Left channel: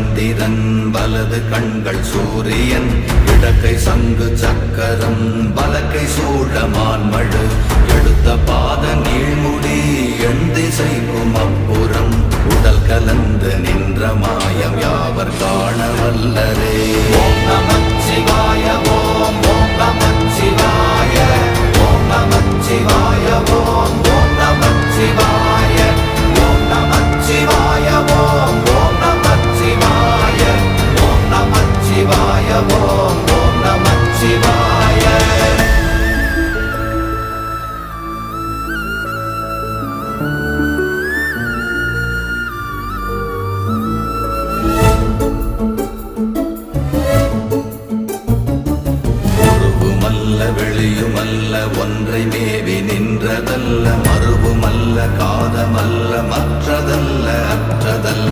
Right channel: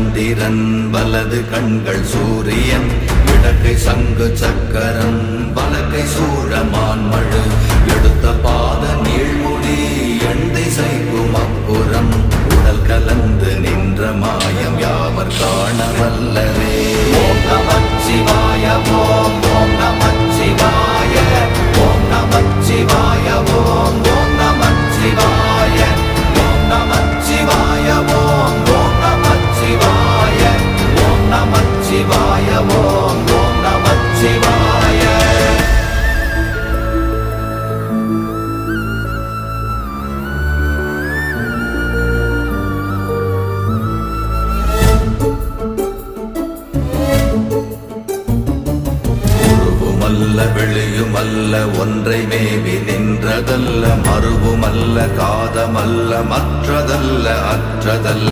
சந்திரன் வலது கண்கள் சூரியன் இடக்கை சங்கு சக்கரம் வலக்கை சூழமான்மழு எடுத்த பாத நீழ்முடி எண் திசைக்கும் அப்புறம் உடல் கலந்து நின்ற மாயம் யாவர் காண வல்லரே. ஓம் நமச்சிவாய ஓம் ஓம் நமச்சிவாய ஓம் நமச்சிவாய ஓம் ஓம் நமச்சிவாய ஓம் நமச்சிவாய ஓம் ஓம் நமச்சிவாய ஓம் நமச்சிவாய ஓம் ஓம் நமச்சிவாய. வெளியுமல்ல ஒன்றை மேவி நின்றதல்ல மறுவுமல்ல காதமல்ல மற்றதல்ல அற்றதல்ல